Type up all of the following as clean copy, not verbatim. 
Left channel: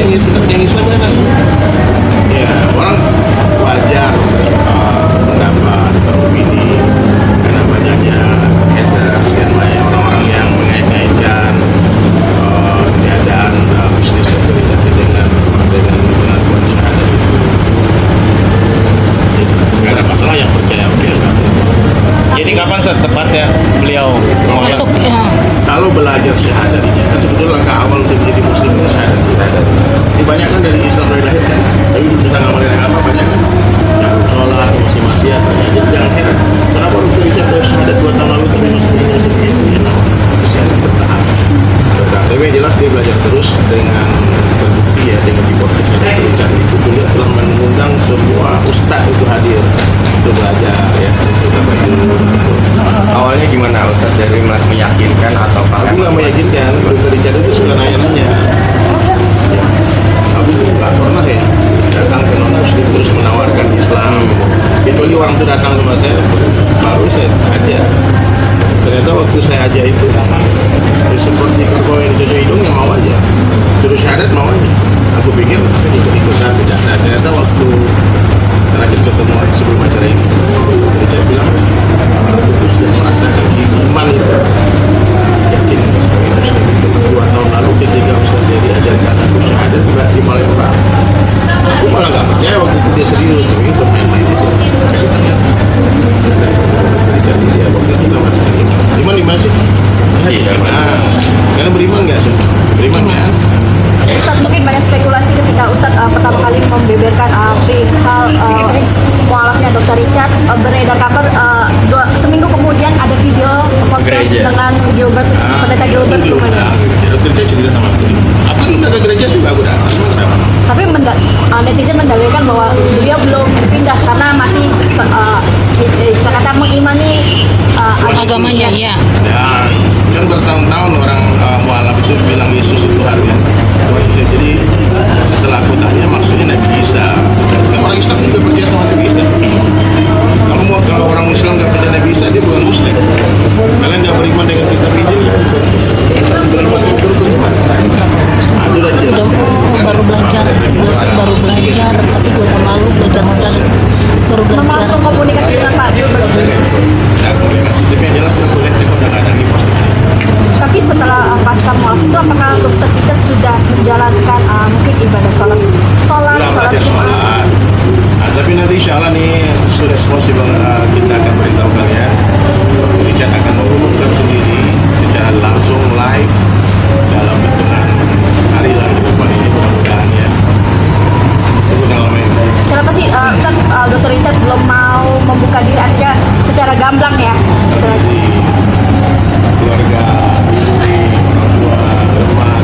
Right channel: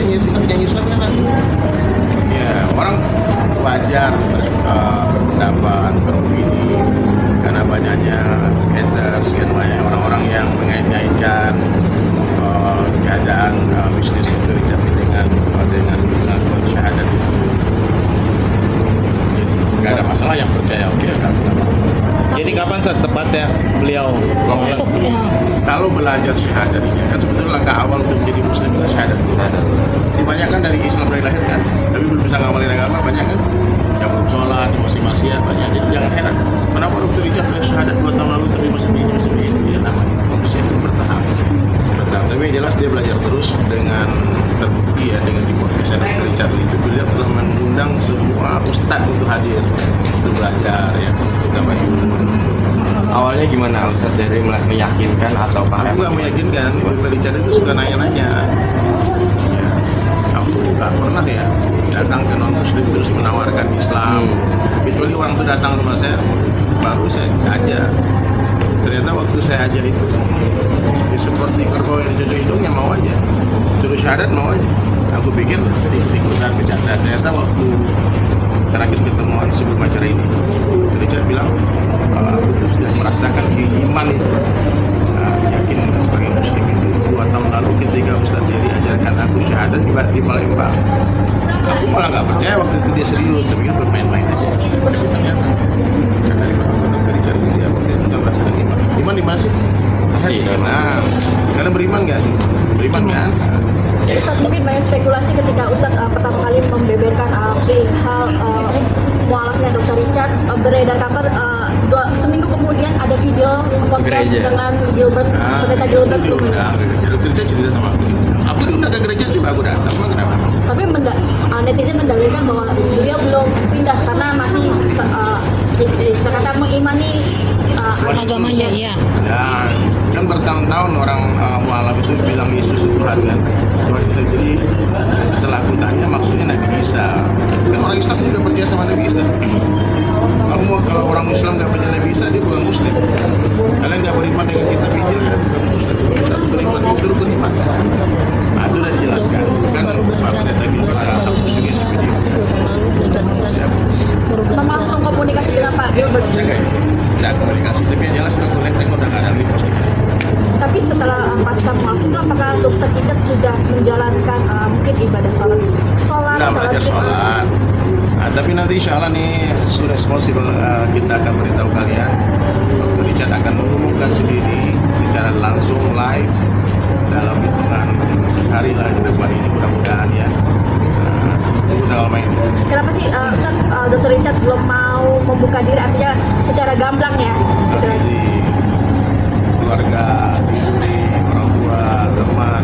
yang Islam kan ya orang wajar pendapat beropini karena banyaknya haters dan banyak orang-orang yang mengait-ngaitkan keadaan bisnis Dr. Richard dengan pengakuan syahadat itu. Nggak ada masalah, yang percaya oke lah. Jadi kapan Ustaz tepatnya beliau Masuk ya. Kalau belajar syahadat ini kan sebetulnya langkah awal untuk menjadi muslim itu syahadat. Ini banyak kan dari Islam dari lahir kan, tapi bisa ngamalin agama banyak kan, yang belum sholat masih maksiat banyak. Jadi jangan heran kenapa Dr. Richard dari syahadat 2 tahun lalu tapi masih begitu ya, nama syahadat bertahan. Tapi yang jelas dia belajar terus dengan terbukti ya dengan reportnya Dr. Richard itu beliau telah mengundang semua ustadz untuk hadir untuk belajar ya, kita bantu. awalnya gimana Ustaz, dari meyakinkan atau Aku nggak meyakinkan, Dr. Richard itu suka nanya-nanya. Aku juga nggak pernah ya datang ke non muslim terus menawarkan Islam. Kecuali orang itu datang sama saya, baru saya aja. Ternyata waktu saya aja itu ya seperti karbon yang dijaga hidung yang mau aja, suruh syahadat mau aja. Aku pikir ikut-ikutan tidak. Nah, ternyata waktu terakhir ketemu sebelum acara ini, Dr. Richard bilang aku tuh sudah merasakan iman itu. Yakin sebagai muslim itu 2 tahun lalu ketika Ustaz dia diajarkan aku syahadat di Palembang, aku malah nggak percaya waktu itu dia serius, tapi bermain-main aja. Pasti ternyata dari Dr. Richard dia waktu itu nggak merasakan iman di mana sih? Kalian beriman nggak? Beriman nggak? Ustaz, mungkin banyak spekulasi ketika Ustaz pertama kali membeberkan perihal mualafnya Dr. Richard, beredar kabar seminggu kemudian ada video podcast dengan Gilbert, pendeta Gilbert gimana? Dr. Richard cerita sama aku diundang ke gereja juga aku dah. Tapi netizen mendalilkan bahwa beliau belum pindah karena masih kata mengimani Agamanya ya. Ya, kan bertahun-tahun orang mualaf itu bilang Yesus itu Tuhan ya. Jadi setelah aku tanya maksudnya Nabi Isa, kan orang Islam juga percaya sama Nabi Isa. Kamu mau kalau orang Islam nggak percaya Nabi Isa dia bukan Muslim. Kalian nggak beriman dengan kitab Injil ya bukan Muslim. Beriman dengan Quran. Aku udah dijelaskan. Baru belajar tapi 2 tahun lalu belajar sekali. Baru belajar. langsung komunikasi dengan Pak Gilbert. Saya nggak komunikasi, tapi yang jelas aku lihat udah nggak ada lagi posting. Tapi setelah pasca mualaf itu apakah Dr. Richard sudah menjalankan mungkin ibadah sholat Belajar Jumat? sholat. Tapi nanti insya Allah nih soon as possible kita akan beritahu kalian. Richard akan mengumumkan sendiri secara langsung live dalam hitungan hari lah ke depan ini mudah-mudahan ya. Itu tanggal main. Kenapa sih Ustaz, Dr. Richard belum mau membuka diri, artinya secara gamblang ya? Jadi keluarga, istri, orang tua, teman.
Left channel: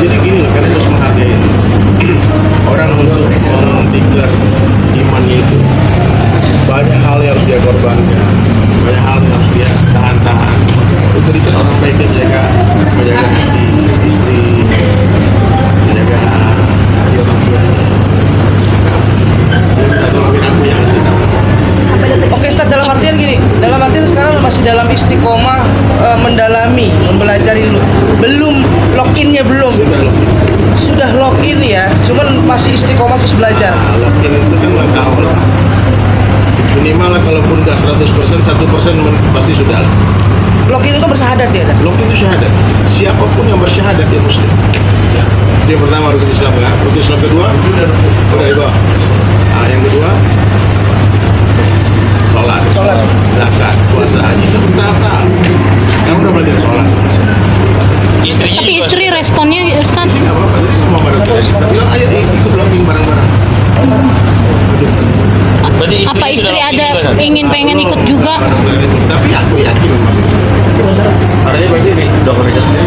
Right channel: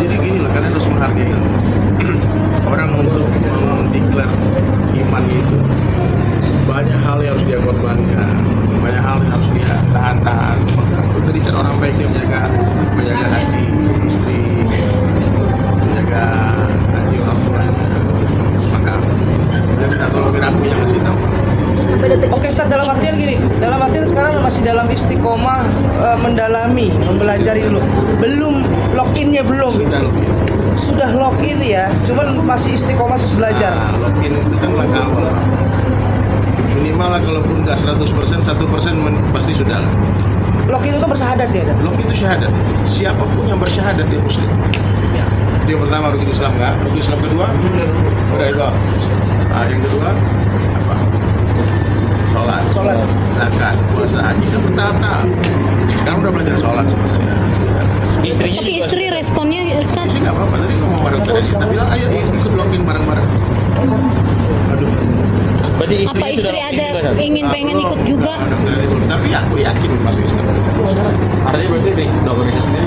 Jadi gini loh, kalian harus menghargai orang untuk mendeklar imannya itu. Banyak hal yang harus dia korbankan, banyak hal yang harus dia tahan-tahan. Itu Richard orang baik, dia menjaga hati istri, menjaga hati orang tua. Minta tolongin aku yang asli. Sampai detik Oke Ustaz, dalam artian gini, dalam artian sekarang masih dalam istiqomah mendalami, mempelajari dulu. Belum login-nya belum. Sudah login ya, cuman masih istiqomah terus belajar. Login itu kan langkah awal. Minimal lah kalaupun nggak 100%, 1% pasti sudah lah. Login itu bersyahadat ya. Login itu syahadat. Siapapun yang bersyahadat dia muslim. Ya. Itu yang pertama rukun Islam kan. Rukun Islam kedua, udah di bawah. Yang kedua, sholat, zakat, puasa, haji kan bertahap-tahap. Kamu udah belajar sholat. istrinya Tapi juga istri responnya Ustaz, Ini nggak apa-apa. Tadi kan mau pada kita bilang ayo ikut login bareng-bareng. berarti apa istrinya sudah istri login ada juga, Ustaz? pengen ikut juga? Tapi aku yakin masih bisa. Artinya berarti Dr. Richard sendiri